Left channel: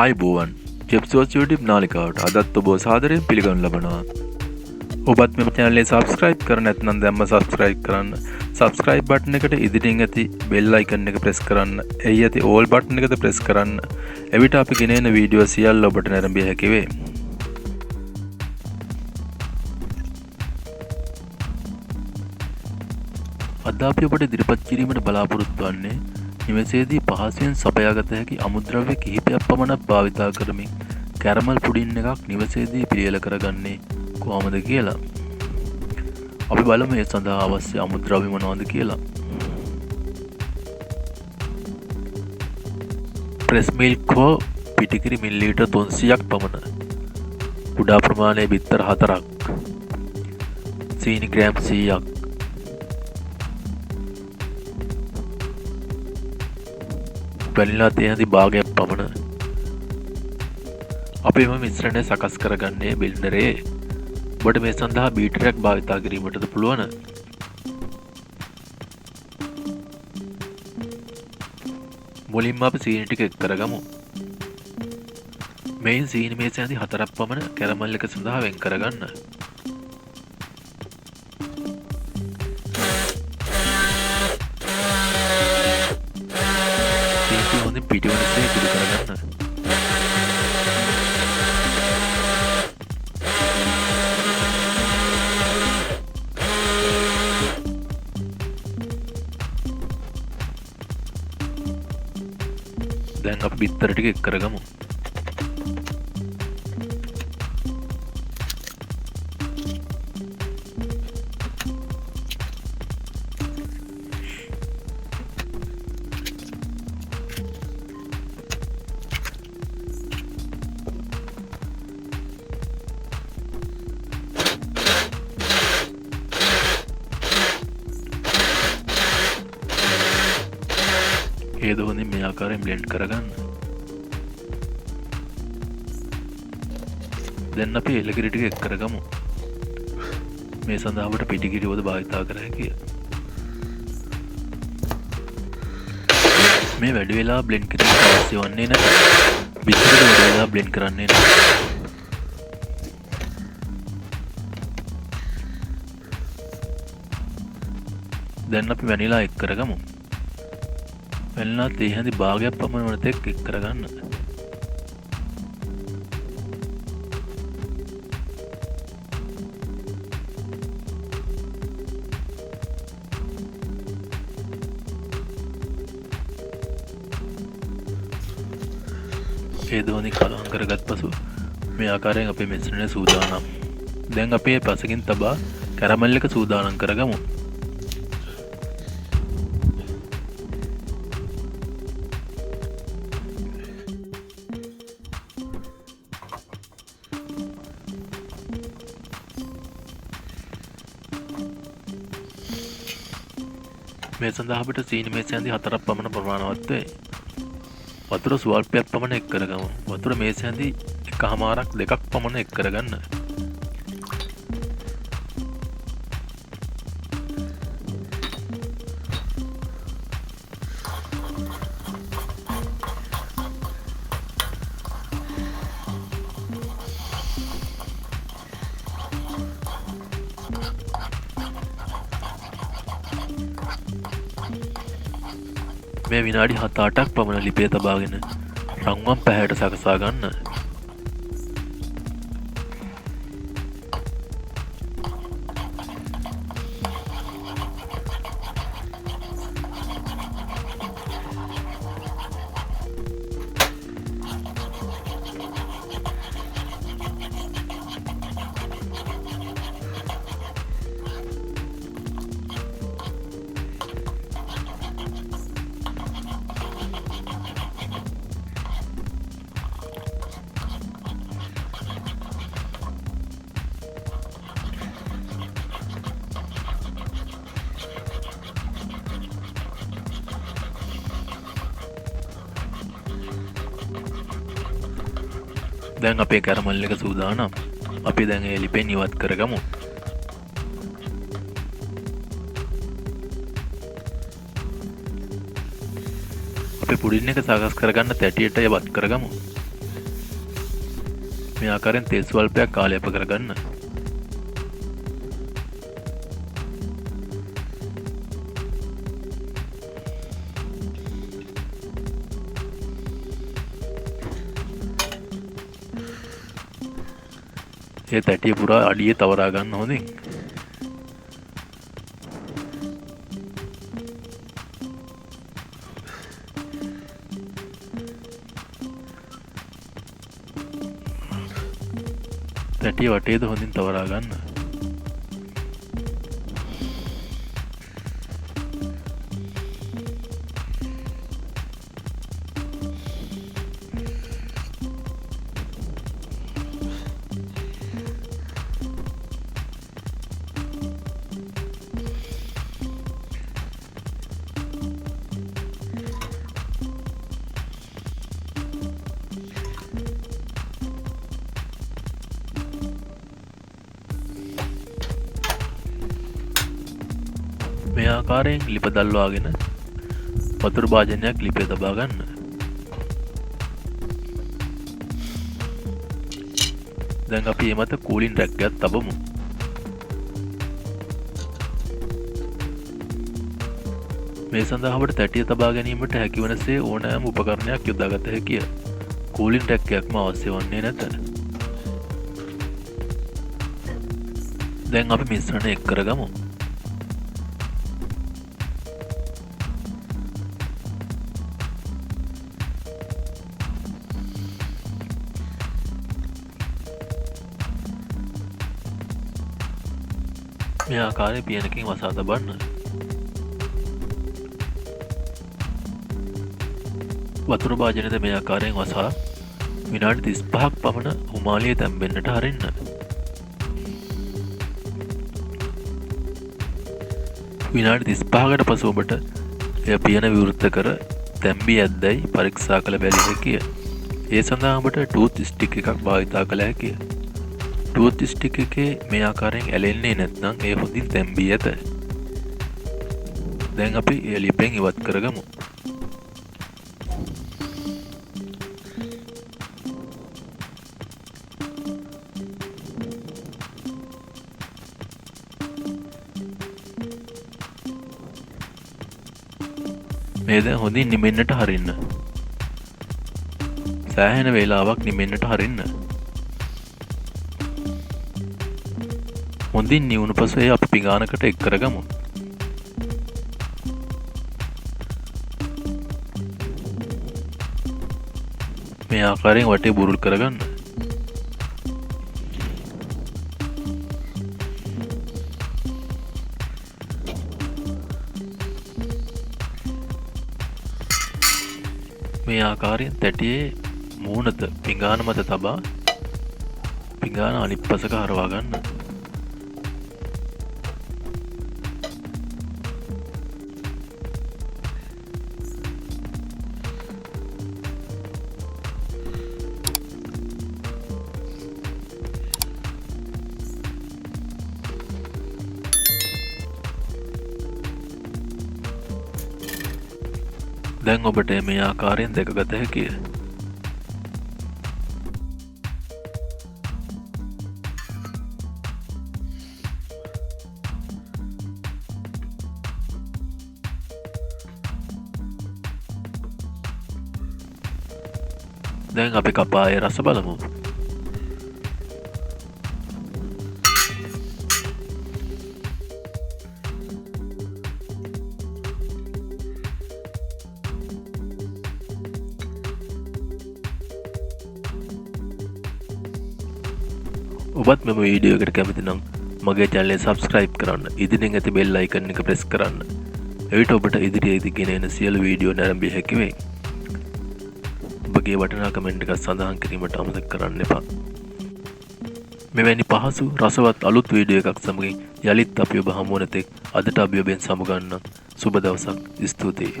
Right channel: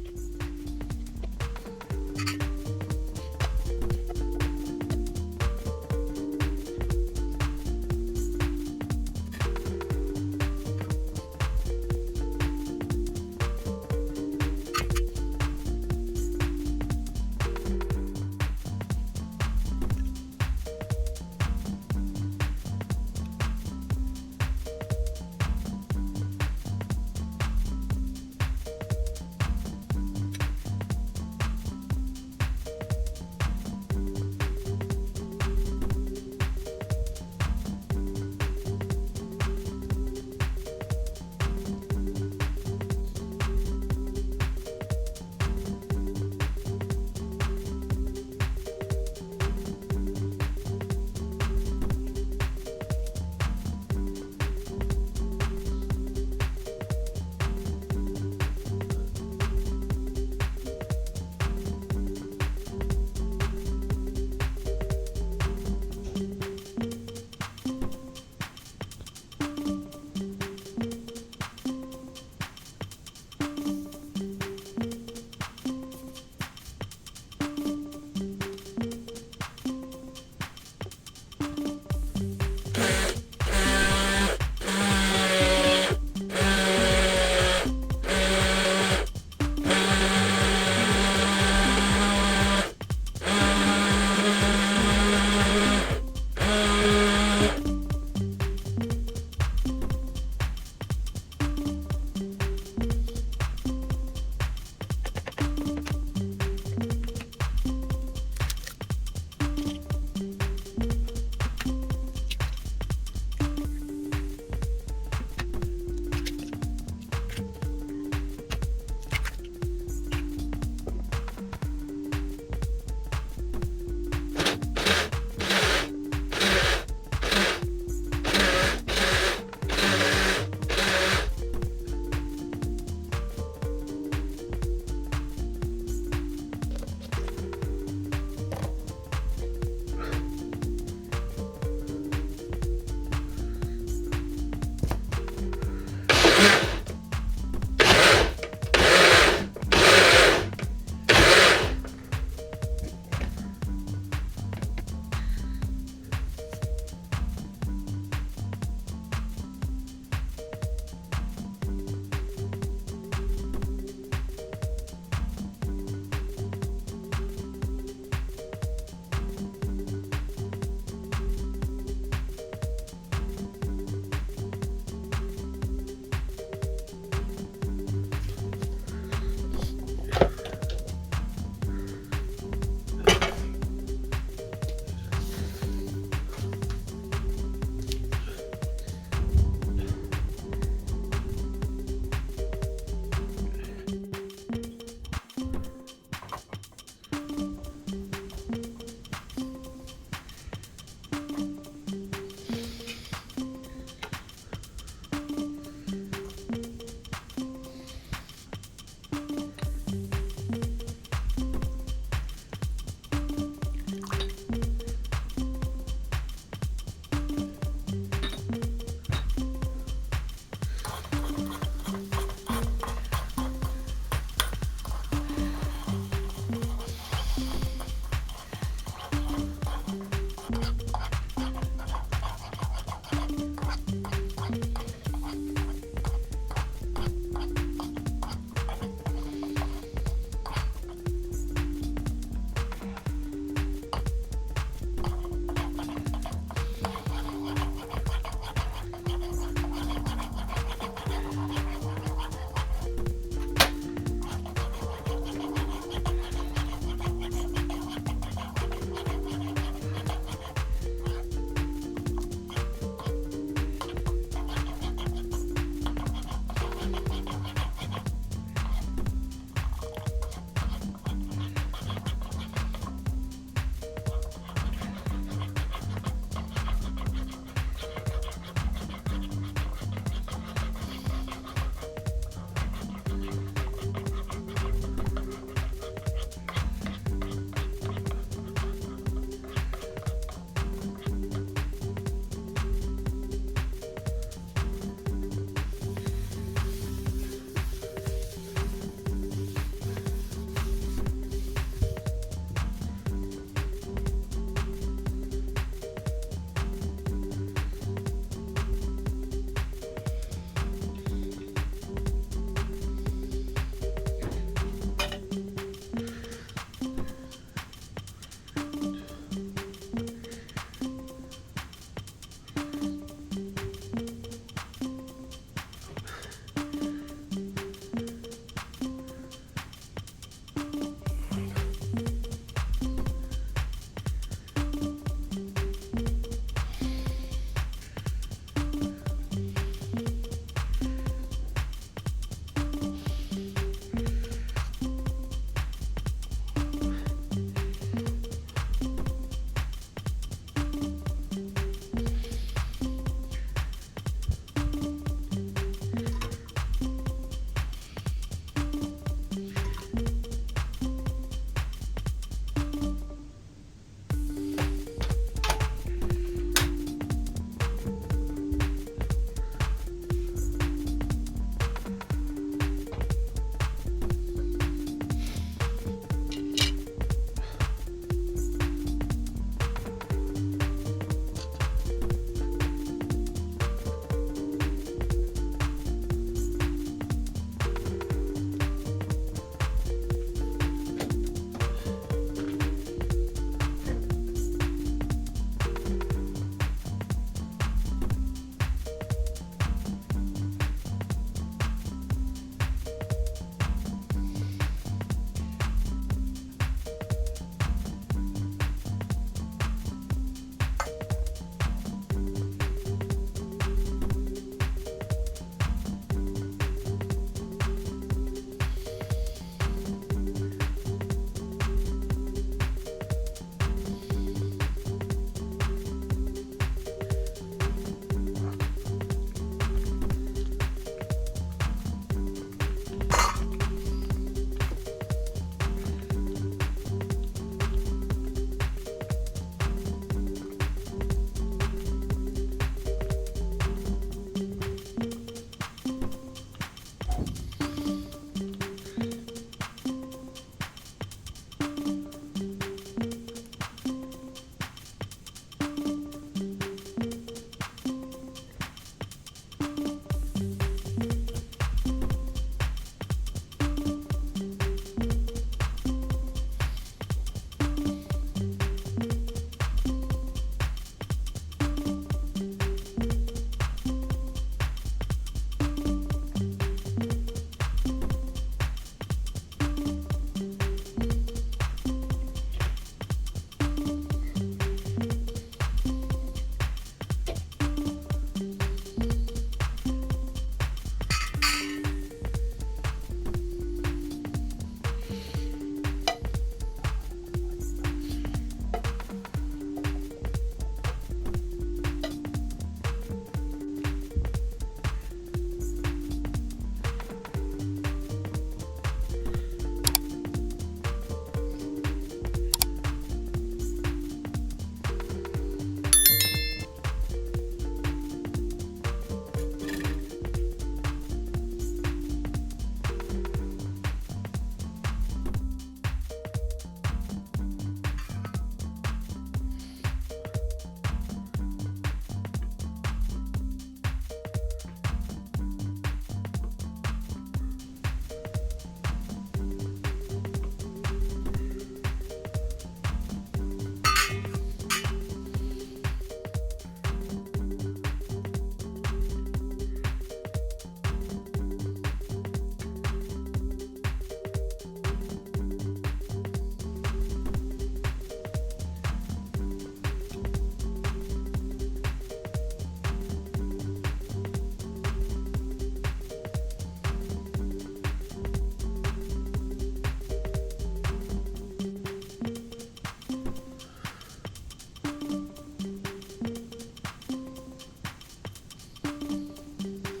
ආයුබෝවන් චෙප්සෝස් YouTube නාලිකාවට අදත් ඔබ සාදරයෙන් පිළිගනු ලබනවා. ඔබත් මෙම channel එක subscribe කර නැත්නම් දැම්ම subscribe කරන්න. subscribe button එකට ඉදිරියෙන් ඇති bell icon එක press කරන්න. එහි ඇති all button එකද press කරන්න. එවිට අපි ගෙනෙන වීඩියෝ සියල්ල ඔබට නැරඹිය හැකි වේ. අද අපි ඔබට ඉදිරිපත් කිරීමට බලාපොරොත්තු වෙන්නේ නිවසේදී පහසුවෙන් සපයාගත හැකි අමුද්‍රව්‍ය කිහිපයක් පමණක් භාවිතා කරමින් කැරමල් පුඩින් එකක් නිවසේදී පිළියෙල කරගන්නේ කොහොමද කියලා. අපි බලමු ඒ සඳහා අවශ්‍ය අමුද්‍රව්‍ය මොනවද කියලා. ප්‍රෙස් මිල්ක් හෝ පිටිකිරි මිලිලීටර් 300ක් පමණ. කුඩා ප්‍රමාණයේ බිත්තර 4ක්. සීනි ග්‍රෑම් 100ක්. වැනිලා තේ භාගයක් පමණ. අපි මේ මිශ්‍රණය සකස් කරගන්නේ බිල්ඩරේ. ඔබට මේ සඳහා බීටරයක් භාවිතා කිරීමටද පුළුවන්. මුලින්ම අපි සීනි ටික එක් කරගමු. මේන් සීනි මේසයන්දි 4ක් පමණ කැරමල් එක සඳහා වෙන් කරගන්න. දැන් අපි බිත්තර ටික එක් කරගමු. ඒද හොඳින් මේ ආකාරයෙන් බ්ලෙන්ඩ් කරගන්න. දැන් අපි එළකිරි ටික එක් කරගමු. මේ සඳහා අපට පිටිකිරි වද භාවිතා කර හැකියි. මේ වැඩි වෙලා බ්ලෙන්ඩ් කිරීම අවශ්‍ය වන්නේ නැහැ. බිත්තර වැඩි වෙලා බ්ලෙන්ඩ් කරන්නේ නැහැ. දැන් අපි වැනිලා එක් කරගමු. වැනිලා තේ හැඳි භාගයක් පමණ වන තෙක් එක් කරගන්න. ඒ දෝනි කලවම් කරගත් පසු මේ ආකාරයෙන් අපේ මිශ්‍රණය සූදානම්. දැන් අපි මේ පසකින් තබා කැරමල් එක සූදානම් කරගමු. මේ සඳහා අපිට සීනි මේසයන්දි 4ක් පමණ ප්‍රමාණවත් වේ. වතුර ස්වල්පයක් පමණ එක් කරගමු. වතුර මේසයන්දි 1/2ක් 2ක් පමණ එක් කරගන්න. මේ විනාඩි 7-8ක් පමණ ලිපේ තබාගෙන රන්වන් පැහැයට සකසා ගන්න. දැන් අපේ කැරමල් එක සූදානම්. අපි දැන් ඒ ලිපෙන් ඉවත් කරගමු. අපි පුඩින් එක සකස් කරගන්න තැටියට යවත් කරගමු. මේ ආකාරයෙන් තෙල් ස්වල්පයක් කාලයප කරගන්න. ඒ තැටිය පුරා අඩියේ තවරා ගන්න හොඳින්. තැටිය වටේද හොඳින් තවරා ගන්න. මේ ආකාරයෙන් ලිප දල්වාගෙන වතුර භාජනයක් ලිපේ තබා ගන්න. දැන් අපි මේ මත කූලින් රැක් එකක් තබමු. මේ සඳහා අපට තැටිය තබා ගැනීමට හැකිවනසේ ඕනෑම උපකරණයක් යොදාගත හැකිය. කූලින් රැක් එකක්ම අවශ්‍ය වන්නේ නැත. දැන් අපි මිශ්‍රණය එක් කරගමු. මේ ආකාරයෙන් පියනකින් වසා තබන්න. වතුර භාජනයද මේ ආකාරයෙන් වසා විනාඩි 35ක් පමණ හුමාලියේ තැම්බෙන්නට හරින්න. විනාඩි 35කට පසු ඔබට එය පියන විවෘත කර තැම්බී ඇද්දැයි පරීක්ෂා කළ බැලිය හැකිය. ඒ සඳහා ඔබට ටූත් ස්ටික් එකක් භාවිතා කළ හැකිය. ටූත් ස්ටික් එකේ මේ ආකාරයෙන් ඇලෙන්නේ නැත්නම් ඒ හොඳින් තැම්බී ඇත. දැන් අපි ඒ ලිපෙන් ඉවත් කරගමු. මේ දැන් හොඳින් නිමෙන්නට හරින්න. සෑහෙන වේලාවක් නිමෙන්නට හරින්න. හොඳින් නිවුණු පසු එය අපි පිඟානකට එක් කරගමු. මේ ආකාරයෙන් වටේ බුරුල් කරගන්න. මේ ආකාරයෙන් තැටියේ මූණත පිඟාන මත තබා පිඟාන අනිත් පසක හරවා ගන්න. දැන් ඔබට මේ ආකාරයෙන් දැකගත හැකිය. දැන් අපි කපායේ රස බලමු. ඔබත් මෙම වීඩියෝ එකට කැමති නම් මගේ channel එක subscribe කරන්න. ඉදිරියෙන් ඇති bell icon එක press කරන්න. එවිට ඔබට ඉදිරියේදී ගෙන එන සියලු වීඩියෝ නැරඹිය හැකි වෙයි. ඔබගේ වටිනා කමෙන්ට් එකක් සඳහන් කිරීමට අමතක කරන්න එපා. මෙවැනි පහසු රසවත් අලුත් වීඩියෝ එකක් සමගින් යලිත් අපි ඔබ හමු වන තෙක් අදට අපි ඔබෙන් සමුගන්නම්. සුබ දවසක්. ස්තුතියි.